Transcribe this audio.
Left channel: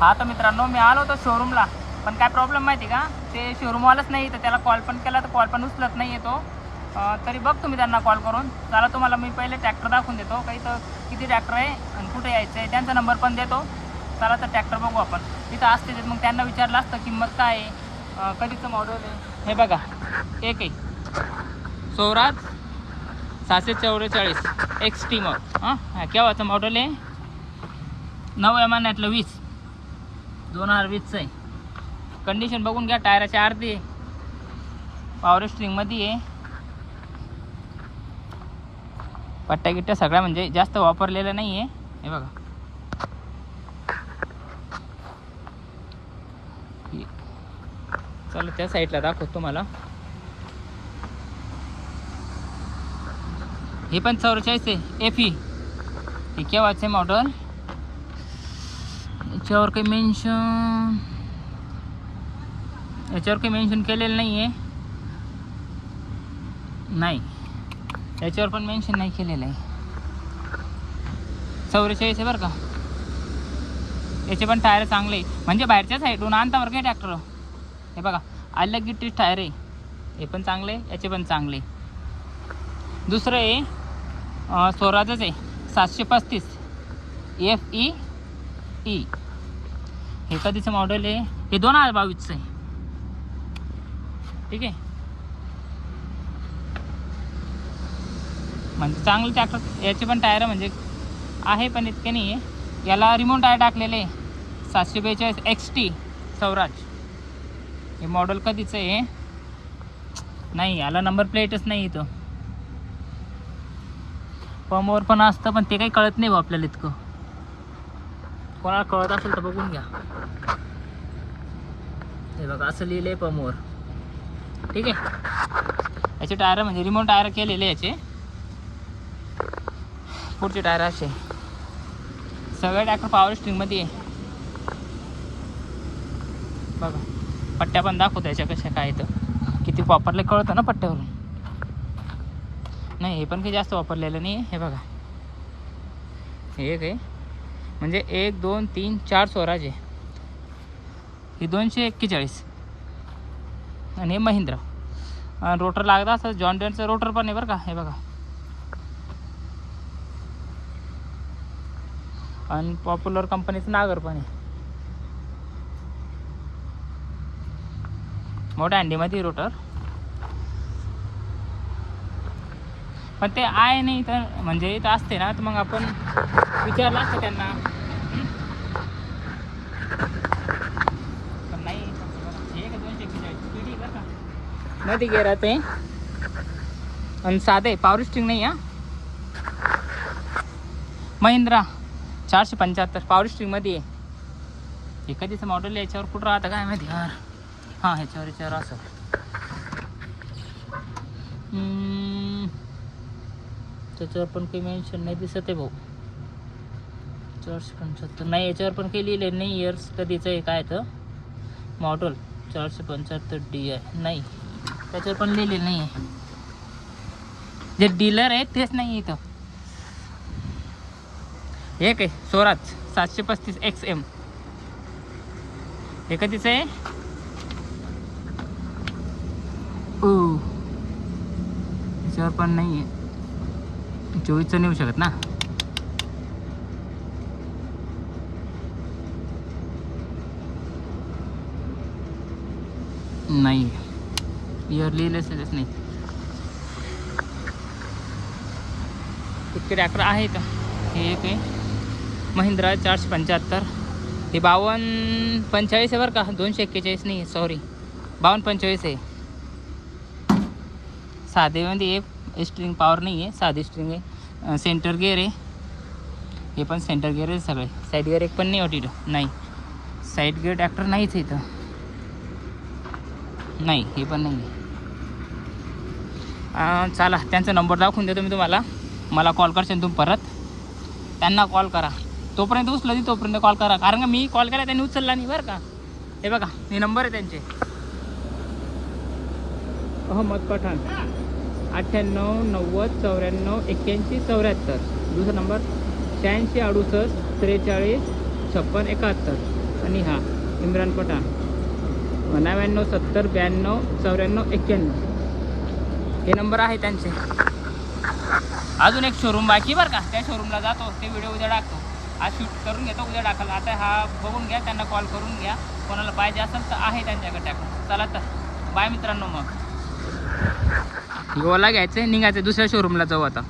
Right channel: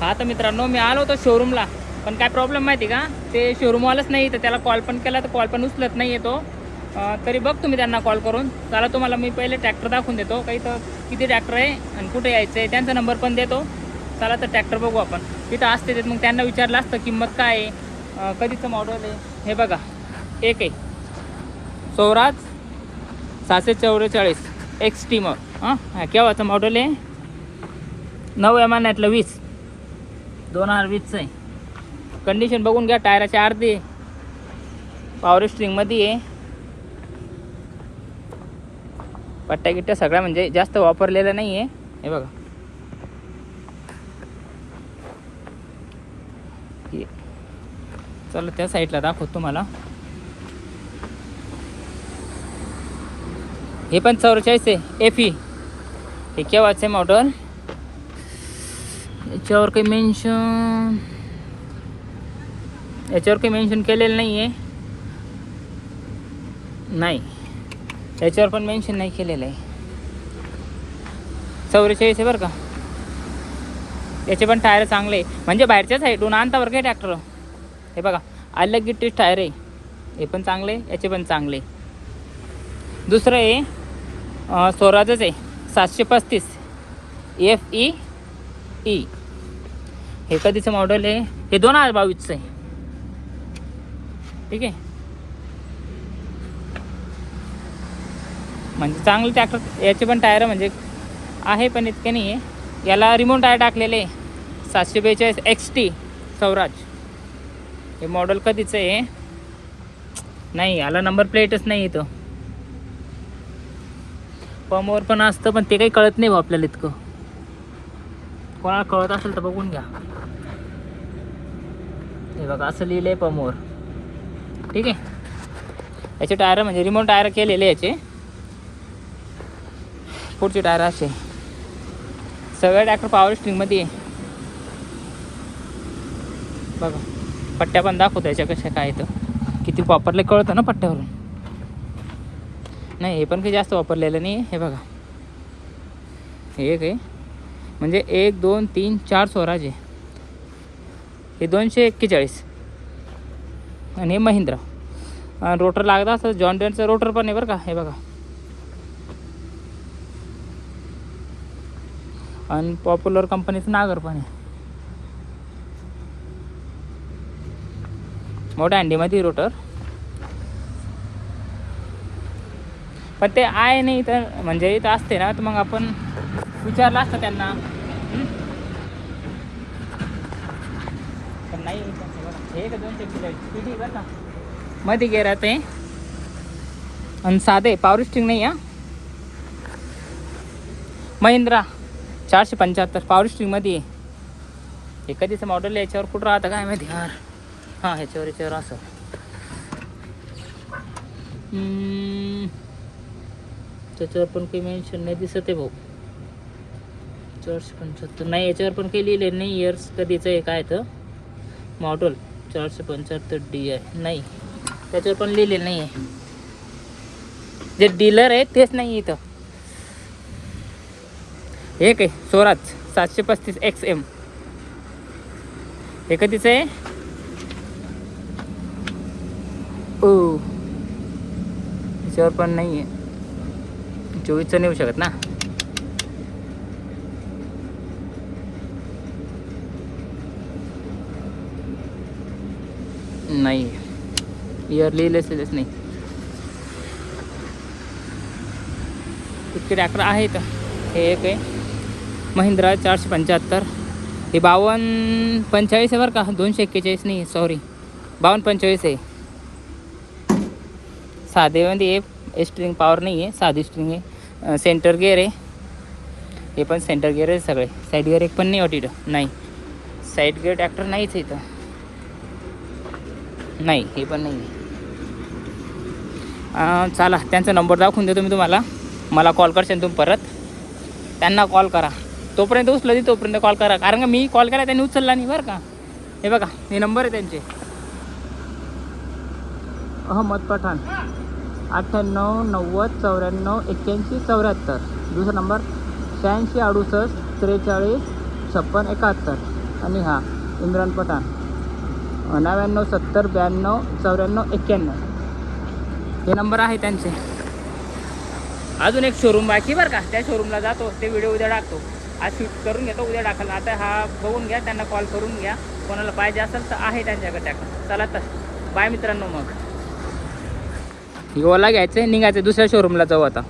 हा तर मित्रांनो मी आलो होतो शोरूमला, पण काय प्रॉब्लेम माहिती का, ते शोरूमवालाच नाही तर त्याला कॉल पण केला तर कॉल पण उचलत नाही येतो. तरी बघ तुम्ही त्यांना कॉल करून. चला तुम्हाला मी पहिले ट्रॅक्टर दाखवून देतो, काही तर किती ट्रॅक्टर आहे आणि कुठे यायचं आहे त्यांचा नंबर पण देतो. चला तर ट्रॅक्टर बघू आपण. तिथं असते मग त्यांना विचारलं असतं किंमत काय आहे, कधीचं मॉडेल आहे. हे बघा एक आहे स्वराज 744 XT मग हां केव्हाचं मॉडेल आहे, 9 महिन्यातलं 20 2020चं आहे. कंडिशन बघून घ्या, टायराचे अर्धे, पॉवर स्ट्रिंगमध्ये आहे, पट्ट्या गिट्ट्या सगळ्या म्हणजे जास्त वापरलेलं नाही आहे. हे बघा चला त्या साईडला दाखवतो तुम्हाला. हे पण 44 आहे FE. हे केव्हाचं आहे मॉडेल, याच्यावर काही मेन्शन केलेलं नाही आहे. नाही, याच्यावर पण मेन्शन नाही केलेलं आहे. 44 आहे बरं का. याचे पण टायर चांगले आहे, म्हणजे बाहेरच्या साईडून आणता बरं काय ट्रॅक्टर. हे बघा अलग गिट्टीच टायर आहे, हे पण चांगले, याचे पण चांगले. दुसरं आहे स्वराजच आहे 735 FE. हे कधीचं मॉडेल आहे, हे 2022चं आहे. ठीक आहे, म्हणजे चांगले ट्रॅक्टर. याचे पण टायर म्हणजे आहे पण इतके नाही आहे. याला रिमोट टायर टाकलेले 742 XT स्वराज. हे मॉडेल कधीचं आहे, नाही याला नंबर प्लेटच नाही येतो. पमवर पण असतं पण ते काही कळत नाही आपल्याला इतकं. कोणाला कळत असेल तर बघून घ्या. हे बघा असं लिहिलं आहे पमवर. ठीक आहे, याचे टायर म्हणजे रिमोट टायर केलेले याचे. पुढचे टायर असे, सगळे ट्रॅक्टर पॉवर स्ट्रिंगमध्ये आहे. बघा पट्ट्या पण दाखवतो याच्या कशा काय तर, किती वापरले कळतं ना पट्ट्यावरून. नाही हे पण काही जास्त वापरलेलं नाही. हे बघा हे एक आहे, म्हणजे 1 2 3 4 स्वराज आहे. हे 241 आणि हे महिंद्रा. रोटर लागला असं जॉन डिअरचं रोटर पण आहे बरं का. हे बघा आणि पॉप्युलर कंपनीचं नागर पण आहे. मोठ्या अंडीमध्ये रोटर, पण ते आहे नाही तर म्हणजे इथं असते ना तर मग आपण विचारलं असतं त्यांना. पण नाही इथं. बघा हे का 241 स्पीड बरं का, मध्ये गेअर आहे आणि साधे पॉवर स्टिंग नाही. महिंद्रा 475 पॉवर स्ट्रिंगमध्ये आहे. हे कधीचं मॉडेल आहे, याच्यावर कुठं राहतं काय माहिती यार. हां याच्यावर असं त्याच्यावर पण काही मेन्शन नाही दिसत आहे भाऊ. 475 नाही, याच्यावर पण काही लिहिले नाही इयर्स कधीचं आहे काय तर. मॉडेल 475 DI नाही, त्याच्यावर पण लिहिलेलं नाही आहे. जे डीलर आहे तेच नाही इथं. एक आहे स्वराज 735 XM. हे कधीचं आहे, ओ याच्यावर पण नाही आहे. 24चं नाही होऊ शकत ना. नाही इयर लिहिलेच नाही. इतके ट्रॅक्टर आहेत. हे एक आहे महिंद्रा 475. हे 5245 आहे बरं का, 241 नाही, सॉरी 5245 आहे. साधेमध्ये स्ट्रिंग पॉवर नाही आहे, साधी स्ट्रिंग आहे. सेंटर गिअर आहे, हे पण सेंटर गिअर आहे सगळे. साईड गिअर एक पण नाही वाटतं. नाही साईड गिअर ट्रॅक्टर नाहीच आहे इथं. नाही हे पण नाही. चला त्यांचा नंबर दाखवून देतो मी तुम्हाला. मला कॉल करशाल तुम्ही परत, त्यांना कॉल करा. तोपर्यंत उचलली तोपर्यंत कॉल करा, कारण का मी कॉल केला त्यांनी उचलला नाही बरं का. हे बघा हे नंबर आहे त्यांचे. अहमद पठाण 98 90 94 81 74. दुसरा नंबर 86 68 43 56 71. आणि हा इम्रान पठाण 99 70 92 94 91 हे नंबर आहे त्यांचे. अजून एक शोरूम बाकी बरं का, त्या शोरूमला जातो, ते व्हिडिओ उद्या टाकतो. आज शूट करून घेतो, उद्या टाकायला. आता हा बघून घ्या, त्यांना कॉल करून घ्या, कोणाला पाहिजे असेल तर आहे त्यांच्याकडे ट्रॅक्टर. चला तर बाय मित्रांनो. मग ओला घ्यायचं, निघायचं, दुसऱ्या शोरूमला जाऊ आता.